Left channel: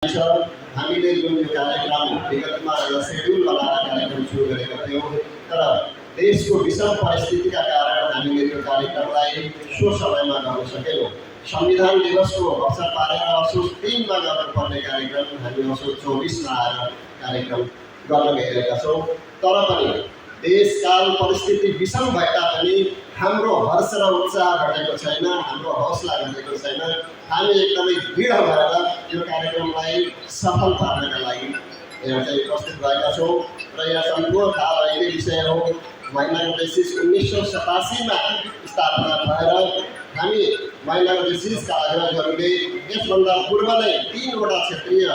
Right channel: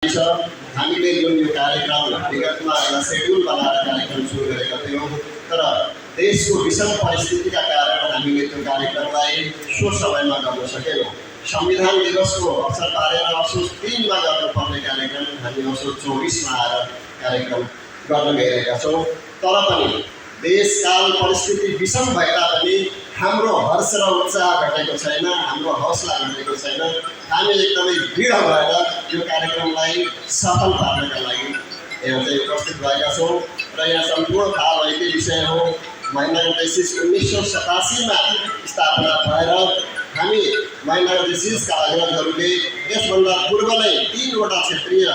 हामीले जुन यो कार्यक्रम विगतमा एउटा सेड्युल बनाएर कार्यक्रम सुरु गरेका थियौँ, तर देशको विषम परिस्थितिका कारण हामीले त्यो कार्यक्रमलाई सो समयमा गर्न सकेनौँ। संविधान दिवसको अवसर पारेर असोज 3 मा गर्नुपर्ने कार्यक्रम हामी असोज 24 मा आएर कार्यक्रम गर्न गइरहेका छौँ। तर पनि देशकाल परिस्थिति विषम भए तापनि हाम्रो हर्ष र उत्साह घटेको छैन, हाम्रो हौसला घटेको छैन। हामी एकदमै दृढ भएर यो कार्यक्रमलाई सफल पार्नका लागि यहाँ चाहिँ उपस्थित भएका छौँ र यहाँ सम्पूर्ण थाहा भएकै विषय हो। महिनाको बेसिस 1987 मा स्थापना भएर हामी महिनाको बेसिसका अग्रजहरूले यसभन्दा पूर्व नै 3 वटा क्षेत्रीय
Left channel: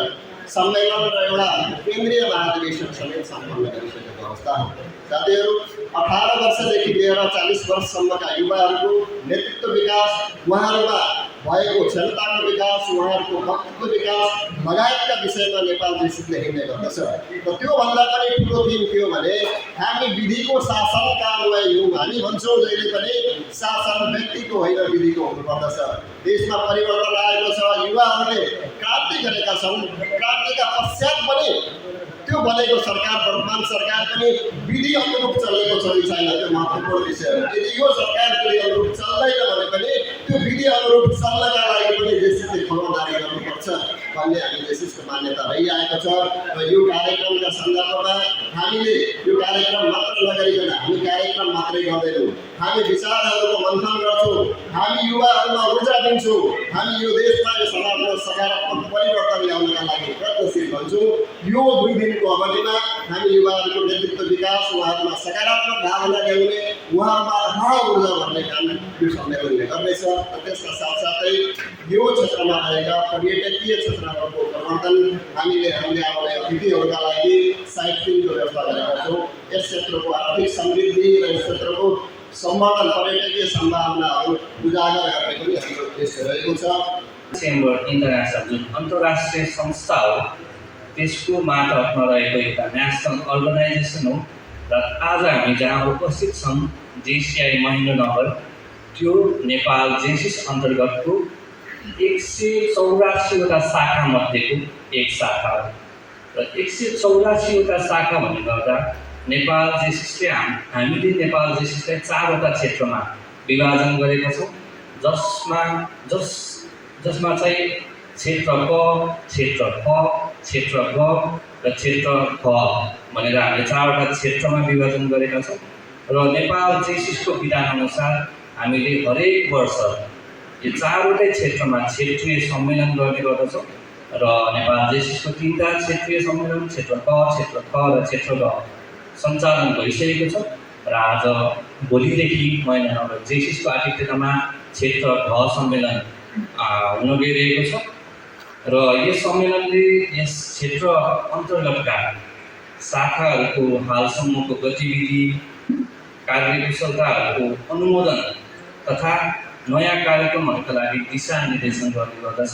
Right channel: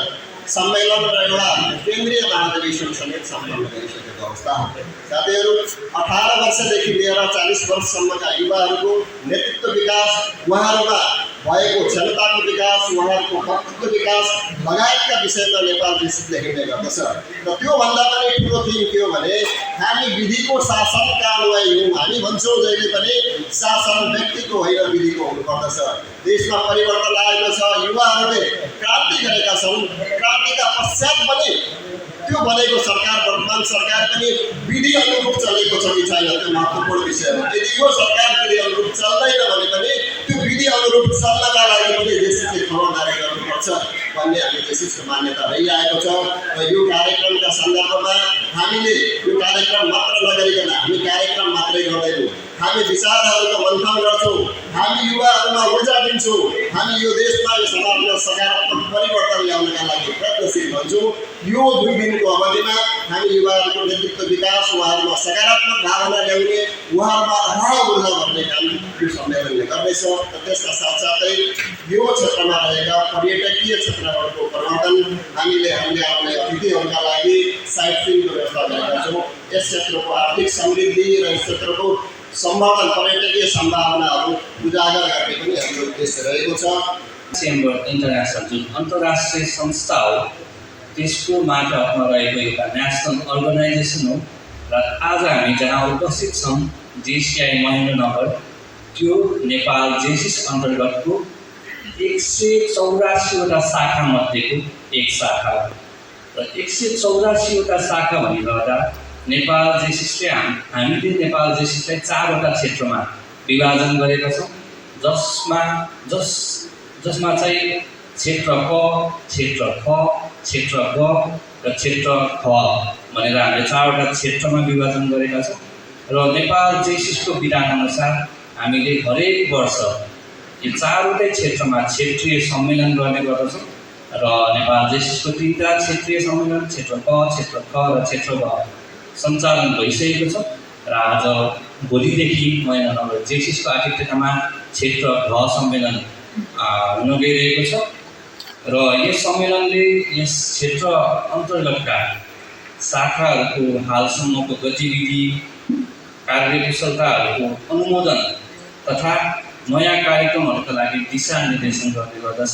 सम्मेलन र एउटा केन्द्रीय महाधिवेशन समेत सम्पन्न गरिसकेको अवस्था हो। साथीहरू, 18 वर्षदेखि लिएर 40 वर्षसम्मका युवाहरूको नेतृत्व विकास, उहाँहरूमा भएको क्षमताको विकास, उहाँहरूको वक्तव्यको विकास लगायतका विषयमा नेपाल देशले हेर्ने गर्दछ। र त्योभन्दा पनि ठुलो थिम के हो भने हामी विधिको शासनका अनुयायी हौँ। हामी भन्छौँ जहिले पनि शासन व्यक्तिको होइन विधिको हुनुपर्दछ। देशमा परिवर्तन आएको छ, युवाहरूले क्रान्ति गरेका छन्। क्रान्तिका पश्चात पनि त्यो बनेको सरकार, वर्तमान सरकार पनि विधि अनुरूप चलेको छ कि छैन, त्यो महत्त्वपूर्ण विषय हो। यदि यो सरकार विधि अनुरूप चल्दैन भने पनि त्यो विधि अनुरूप चल्नका लागि पनि देशले खबरदारी गर्नुपर्छ भन्ने हामी देशको मान्यता रहिआएको छ। र यो कार्यक्रमका सन्दर्भमा हामीले यो कार्यक्रम मात्र नगरिकन हामी कार्यक्रम मात्रै गर्दैनौँ, हामी विचारहरूको मन्थन गर्छौँ, हामी युवाहरूमा ऊर्जा दिन्छौँ, हामी यो देशमा यो समाजमा सकारात्मक परिवर्तन ल्याउनका लागि प्रयत्नशील हुन्छौँ। यो 2 दिनको अवधिमा हामी युवाहरूको नेतृत्व विकास, उहाँहरूमा सकारात्मक भावना ल्याउने, उहाँहरूमा अथाह ऊर्जा भर्ने काम यो सम्मेलनले गर्दैछ। र त्यसका साथसाथै यो क्षेत्रमा रहेका पर्यटकीय क्षेत्रहरूको प्रवर्धन हामीले आउने अतिथिहरूका लागि साइट सिइङको व्यवस्था गरेका छौँ। यस क्षेत्रको आर्थिक समृद्धि र यस क्षेत्रको सम्भावना, पर्यटकीय सम्भावनाहरू उजागर गर्ने पनि हाम्रो उद्देश्य रहेको छ। चेम्बर इन्टरनेसनल जुन अन्तर्राष्ट्रिय संस्था हो, त्यसको मार्फतमा रहेको एउटा नेसनल अर्गनाइजेसन हो। र आज हामी जहाँ उपस्थित छौँ, जेसिआई महेन्द्रनगर, त्यो नेपाल जेसिस अन्तर्गतको 184 वटा शाखा मध्येको एक शाखा हो। र 184 वटा शाखा भन्ने गर्दा नेपाल जेसिसले हामीले नेपाल जेसिसलाई 4 वटा क्षेत्रमा विभाजन गरेका छौँ, जसमा चाहिँ क्षेत्र क, क्षेत्र ख, क्षेत्र ग र क्षेत्र ख भनेर हामीले 4 वटा क्षेत्रमा विभाजन गरेका छौँ। र नेपाल जेसिसको विधानअनुसार हामीले हरेक वर्ष यो 4 वटै क्षेत्रमा क्षेत्रीय सम्मेलन गर्ने गर्दछौँ। र नेपाल जेसिसको 3टा क्षेत्रीय सम्मेलन क्षेत्र क, क्षेत्र ख र क्षेत्र ग सञ्चालन भइसकेको छ। र आज भोलिदेखि महेन्द्रनगर जेसिसको आतिथ्यतामा क्षेत्र घ सम्मेलन हुन गइरहेको छ। र यस सम्मेलनले यस क्षेत्र अन्तर्गतका शाखाहरूको हालसम्मको गतिविधि, कार्यकुशलताहरूको अनुमोदन तथा नयाँ कार्यक्रमहरूका लागि दिशानिर्देशन गर्ने गर्दछ।